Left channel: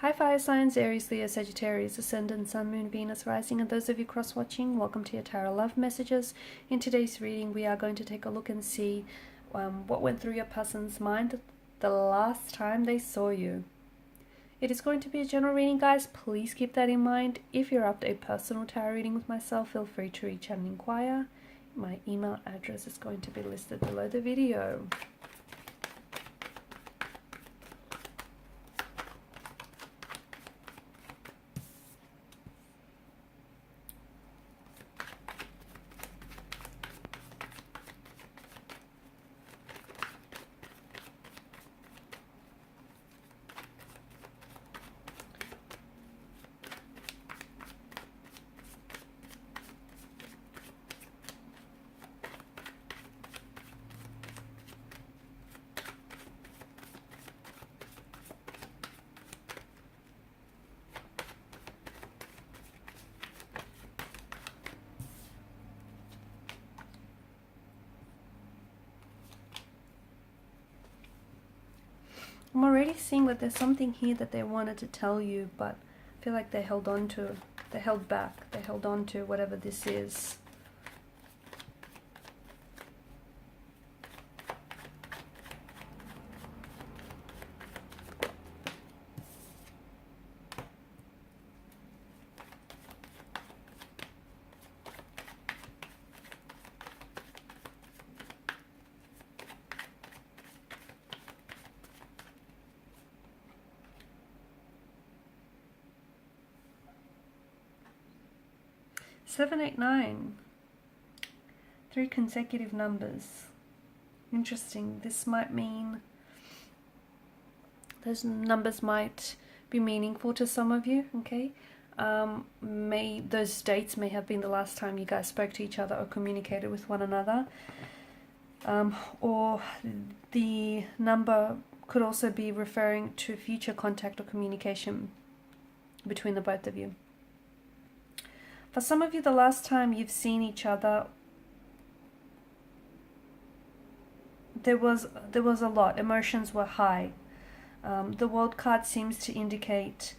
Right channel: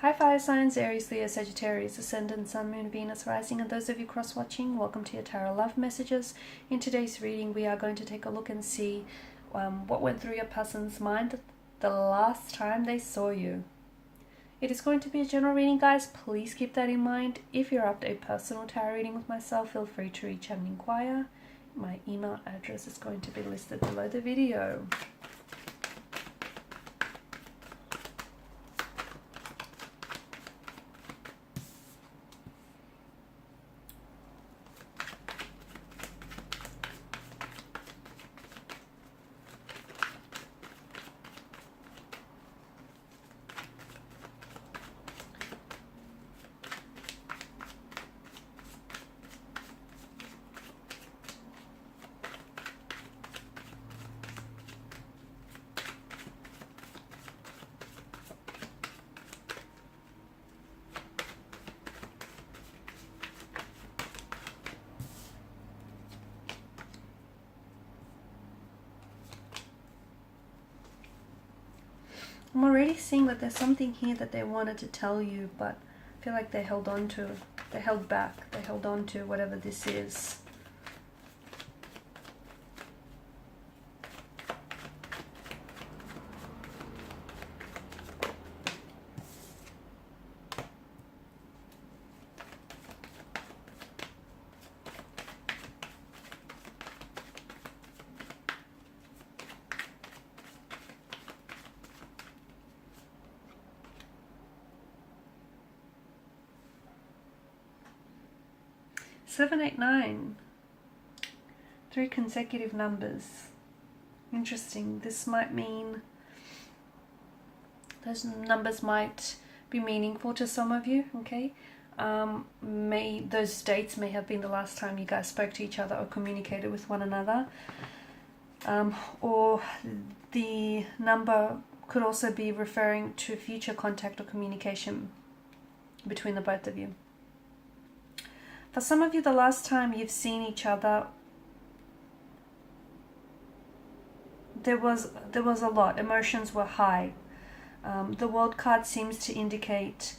Hi fire signs, Aries, Leo, Sagittarius, Ascendant, Sun, Moon, Venus, Rising, and those of you cross-watching, welcome to your Tarot Love Messages. In today's reading, we are going to take a look and see what went through your person's mind the last time they saw you. It is going to be a general reading, guys. Please keep that in mind. If you're after a personal tarot reading with myself, feel free to reach out and inquire. My email address is going to be listed below the video. I'm already seeing that there's something here that they wanted to tell you, but I feel like they held back, they held on to whatever this is. Seven, eight, nine. 3 consecutive numbers. Interesting. This might mean those numbers might be meaningful to some of you, okay? Those dates may have been the last time you guys spoke to each other or communicated with one another. Or the number could also be referring to future contact or communication between the both of you. For some of you, the last time you've seen each other, there was a lot. Emotions were high. The World card seems to indicate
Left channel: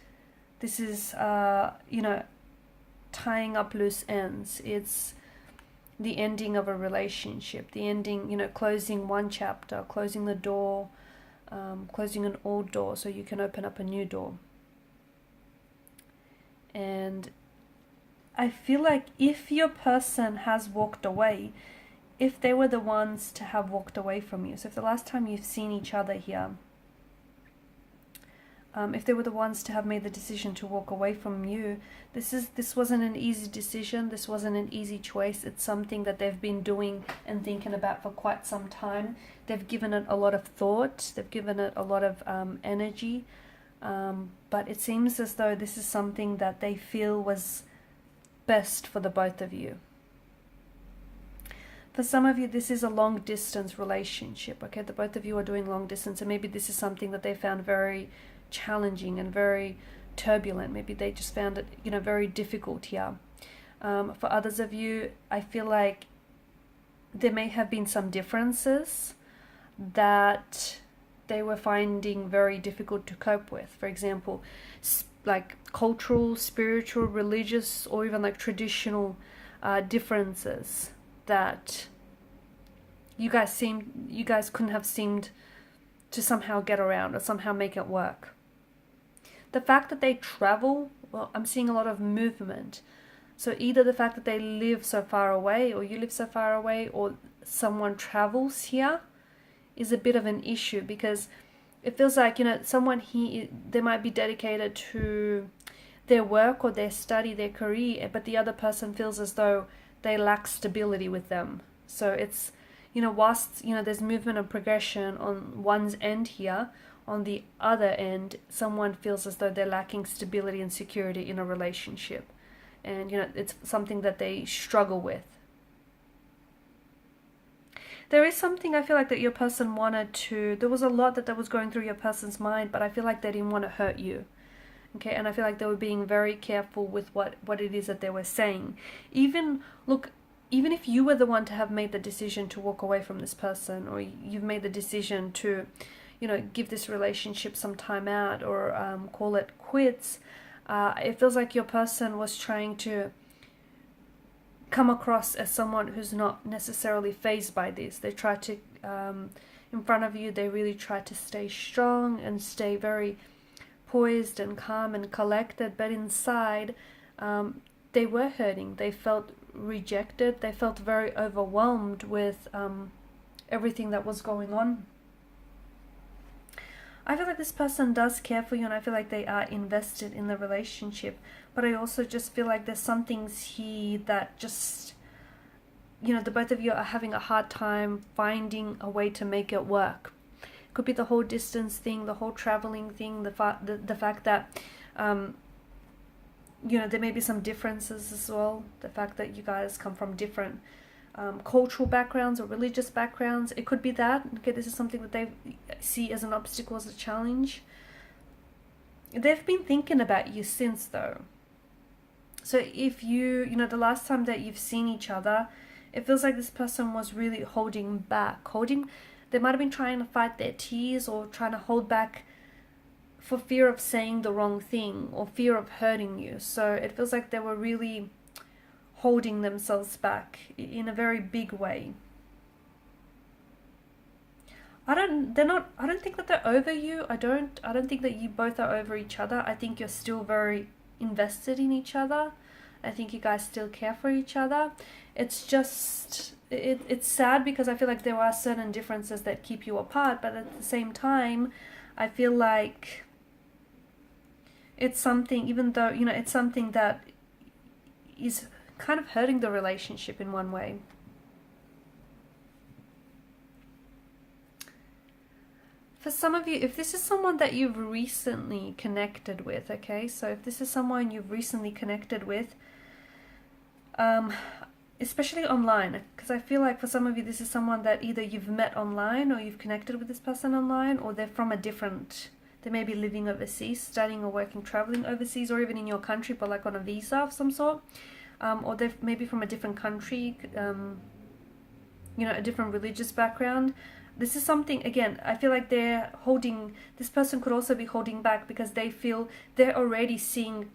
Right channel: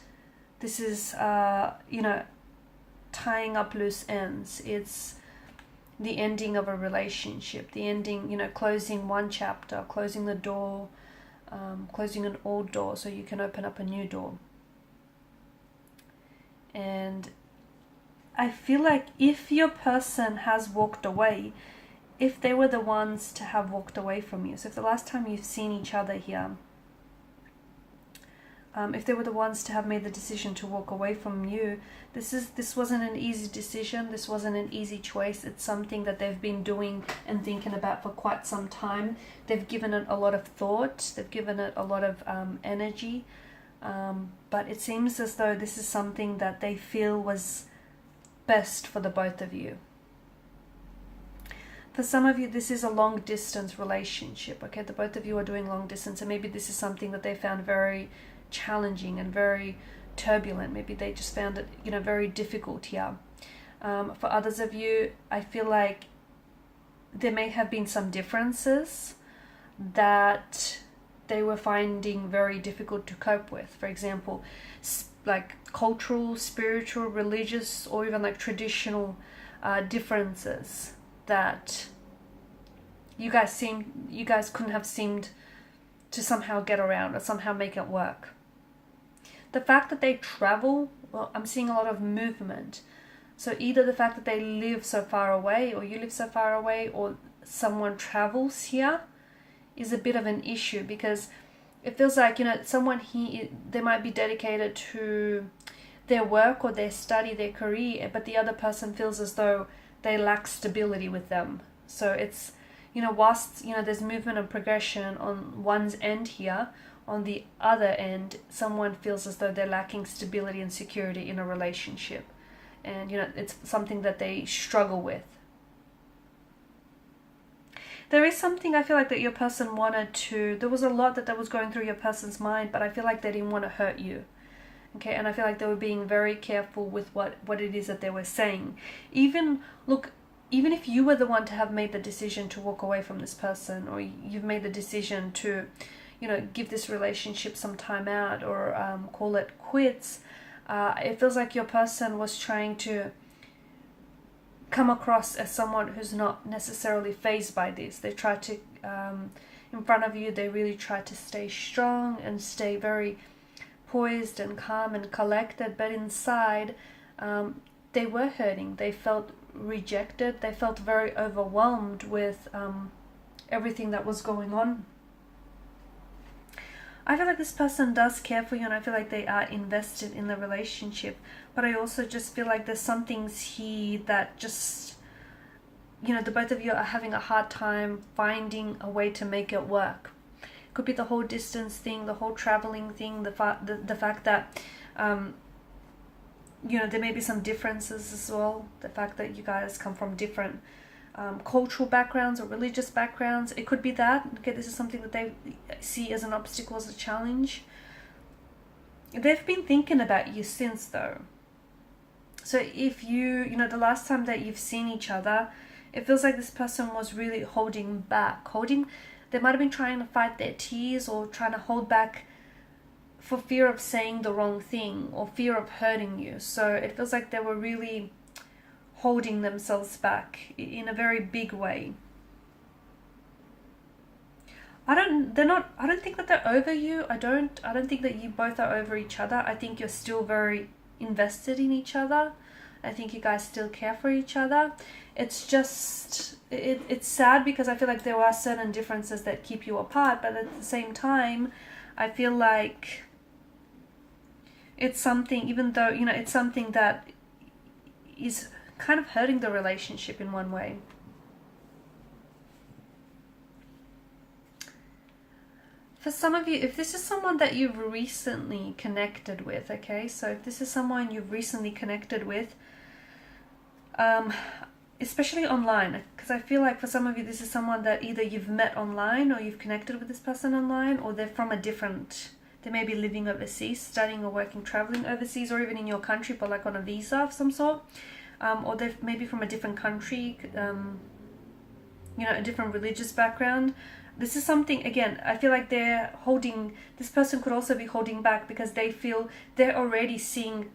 this is, tying up loose ends. It's the ending of a relationship, the ending, closing one chapter, closing the door, closing an old door so you can open up a new door. And I feel like if your person has walked away, if they were the ones to have walked away from you, so if the last time you've seen each other here, if they were the ones to have made the decision to walk away from you, this wasn't an easy decision, this wasn't an easy choice. It's something that they've been doing and thinking about for quite some time. They've given it a lot of thought, they've given it a lot of energy, but it seems as though this is something that they feel was best for the both of you. For some of you, this is a long distance relationship, okay? The both of you are doing long distance, and maybe this is something that they found very challenging and very turbulent. Maybe they just found it, very difficult here. For others of you, I feel like there may have been some differences that they were finding very difficult to cope with. For example, like cultural, spiritual, religious, or even like traditional differences that you guys couldn't have seemed to somehow get around or somehow make it work. The fact that they travel, well, I'm seeing a lot of movement. So either the fact that they live so far away, or you live so far away, or someone travels here is a bit of an issue, because it feels like, someone here, they might be dedicated to their work or their study, their career, but the other person feels as though they lack stability with them. So it's, whilst, there's movement and progression on one's end here, on the other end, someone feels as though they're lacking stability and security in a relationship. And, it's something that they struggle with. There is something I feel like that your person wanted to, there was a lot that was going through your person's mind, but I feel like they didn't want to hurt you. Okay, and I feel like they were being very careful with what it is that they were saying. Even if you were the one to have made the decision to walk away from this person, or you've made the decision to, you know, give this relationship some time out, or call it quits. It feels like your person was trying to come across as someone who's not necessarily fazed by this. They try to, in front of you, they really try to stay strong and stay very poised and calm and collected, but inside they were hurting. They felt rejected. They felt very overwhelmed with everything that was going on. I feel like this person does care for you, and I feel like they are invested in the relationship, but I also just feel like there's some things here that just, you know, the both of you are having a hard time finding a way to make it work. Could be the whole distance thing, the whole traveling thing, the fact that you know, there may be some differences as well. The fact that you guys come from different cultural backgrounds or religious backgrounds. It could be that. Okay, this is something that they see as an obstacle, as a challenge. They've been thinking about you since, though. So if you know, the last time that you've seen each other, it feels like this person was really holding back. They might have been trying to fight their tears, or trying to hold back for fear of saying the wrong thing, or fear of hurting you. So it feels like they were really holding themselves back in a very big way. I don't think that they're over you. I don't think that you both are over each other. I think you're still very invested in each other. I think you guys still care for each other. It's just, it's sad because I feel like there are certain differences that keep you apart, but at the same time, I feel like it's something, even though, you know, it's something that is kind of hurting the relationship in one way. For some of you, if this is someone that you've recently connected with, okay, so if this is someone you've recently connected with, especially online, because I feel like for some of you, this is someone that either you've met online, or you've connected with this person online, or they're from a different, they may be living overseas, studying or working, traveling overseas, or even in your country, but like on a visa of some sort, or they're maybe from a different country, you know, a different religious background. This is something, again, I feel like they're holding, this person could also be holding back because they feel they're already seeing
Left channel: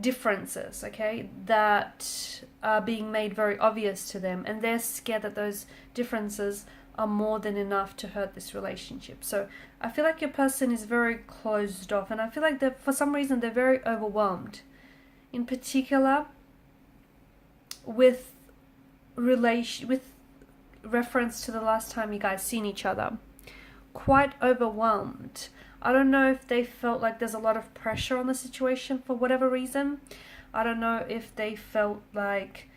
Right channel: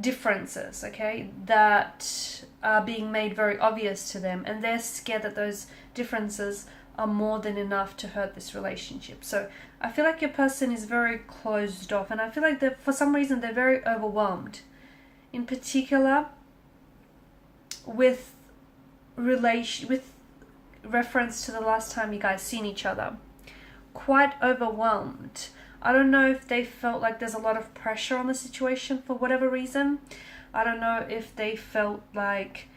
differences, okay, that are being made very obvious to them, and they're scared that those differences are more than enough to hurt this relationship. So I feel like your person is very closed off, and I feel like that for some reason they're very overwhelmed, in particular with reference to the last time you guys seen each other. Quite overwhelmed. I don't know if they felt like there's a lot of pressure on the situation for whatever reason. I don't know if they felt like,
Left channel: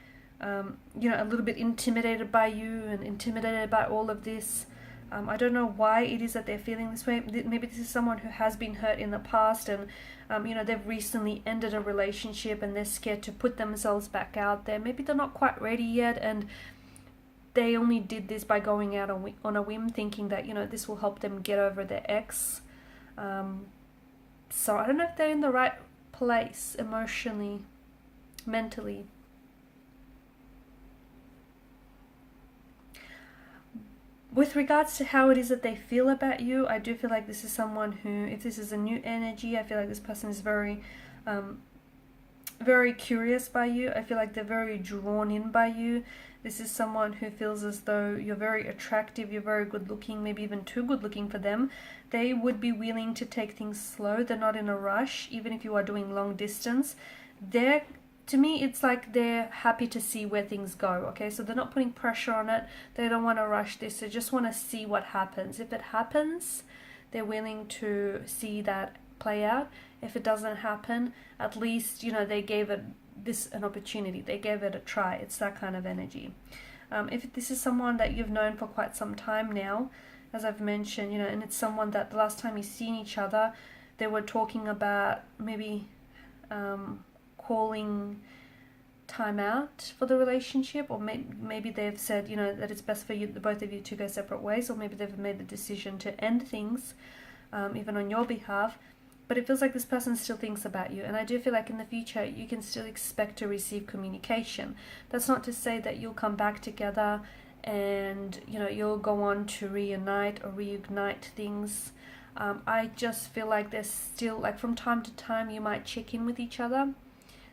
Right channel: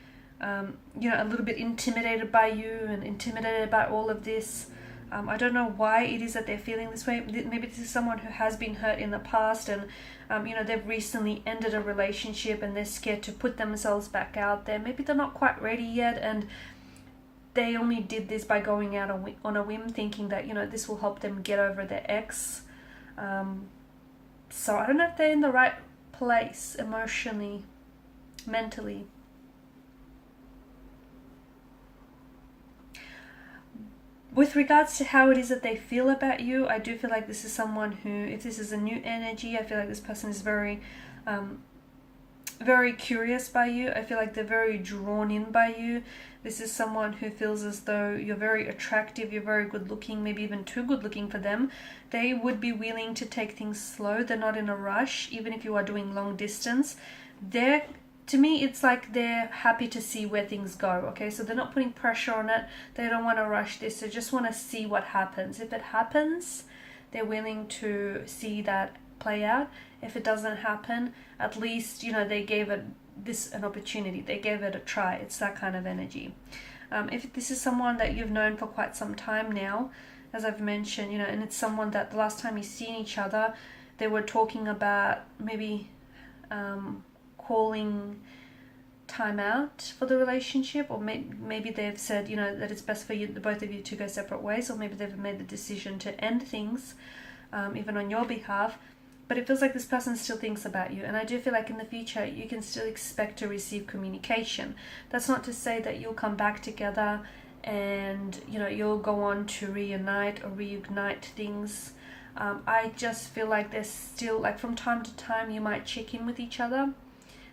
you know, a little bit intimidated by you and intimidated by all of this. I don't know why it is that they're feeling this way. Maybe this is someone who has been hurt in the past, and you know, they've recently ended a relationship and they're scared to put themselves back out there. Maybe they're not quite ready yet, and they only did this by going out on a whim, thinking that, you know, this will help them get over their ex. So I don't know if they're in the right place emotionally, mentally. With regards to how it is that they feel about you, I do feel like this is someone who, if this is a new energy, I feel like this person is very, very curious by you. I feel like they're very drawn in by you. This is someone who feels as though you're very attractive, you're very good looking, maybe even too good looking for them. They would be willing to take things slow. They're not in a rush, even if you are doing long distance. To me, it's like they're happy to see where things go, okay? So they're not putting pressure on it. They don't want to rush this. They just want to see what happens. If it happens, they're willing to see that play out. If it doesn't happen, at least, you know, they gave it an opportunity. They gave it a try. It's that kind of energy. If this is someone that you've known for quite some time now, as I've mentioned, you know, and it's someone that the last time you've seen each other, they were talking about maybe calling time out for the relationship, or maybe they've said, you know, that it's best for you, the both of you, to go separate ways, or maybe they've made the decision to end things, even on your behalf. But it feels like this person still thinks about you, and I do feel like in the future you can still expect to receive communication. That's not to say that you'll come back together and you know, you'll go on to reunite or reignite things. I just feel like there's still, like, from time to time you might check in with each other.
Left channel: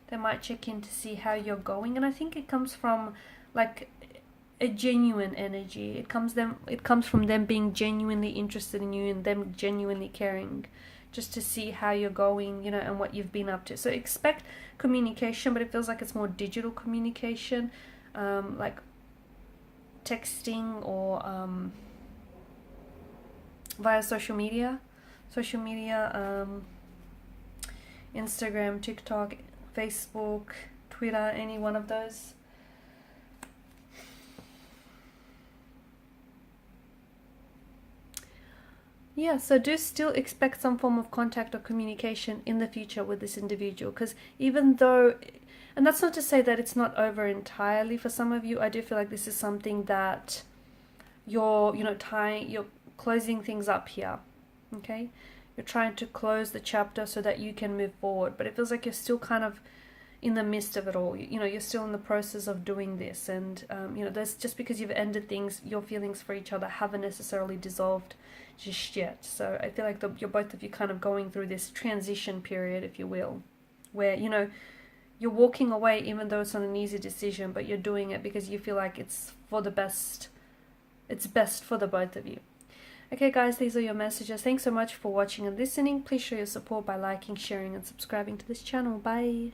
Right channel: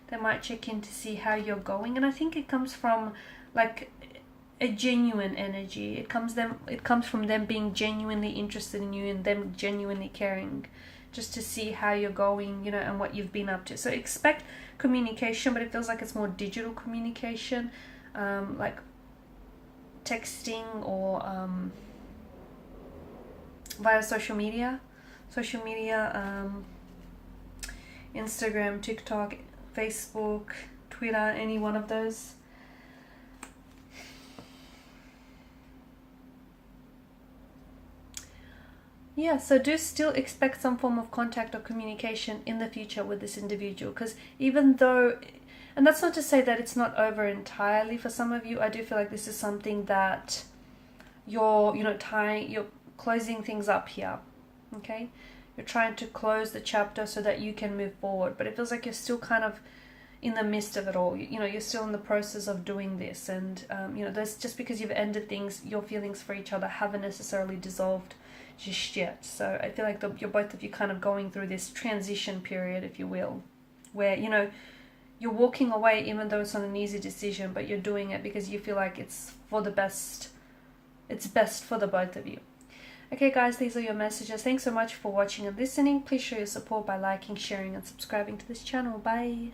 They might check in to see how you're going, and I think it comes from like a genuine energy. It comes from them being genuinely interested in you and them genuinely caring, just to see how you're going, you know, and what you've been up to. So expect communication, but it feels like it's more digital communication, like texting or via social media, Instagram, TikTok, Facebook, Twitter, any one of those. Yeah, so do still expect some form of contact or communication in the future with this individual, because even though, and that's not to say that it's not over entirely for some of you, I do feel like this is something that you're closing things up here, okay? You're trying to close the chapter so that you can move forward, but it feels like you're still kind of in the midst of it all. You know, you're still in the process of doing this, and you know, there's, just because you've ended things, your feelings for each other haven't necessarily dissolved just yet. So I feel like you're both of you kind of going through this transition period, if you will, where, you know, you're walking away even though it's not an easy decision, but you're doing it because you feel like it's for the best. It's best for the both of you. Okay guys, these are your messages. Thanks so much for watching and listening. Please show your support by liking, sharing and subscribing to this channel. Bye.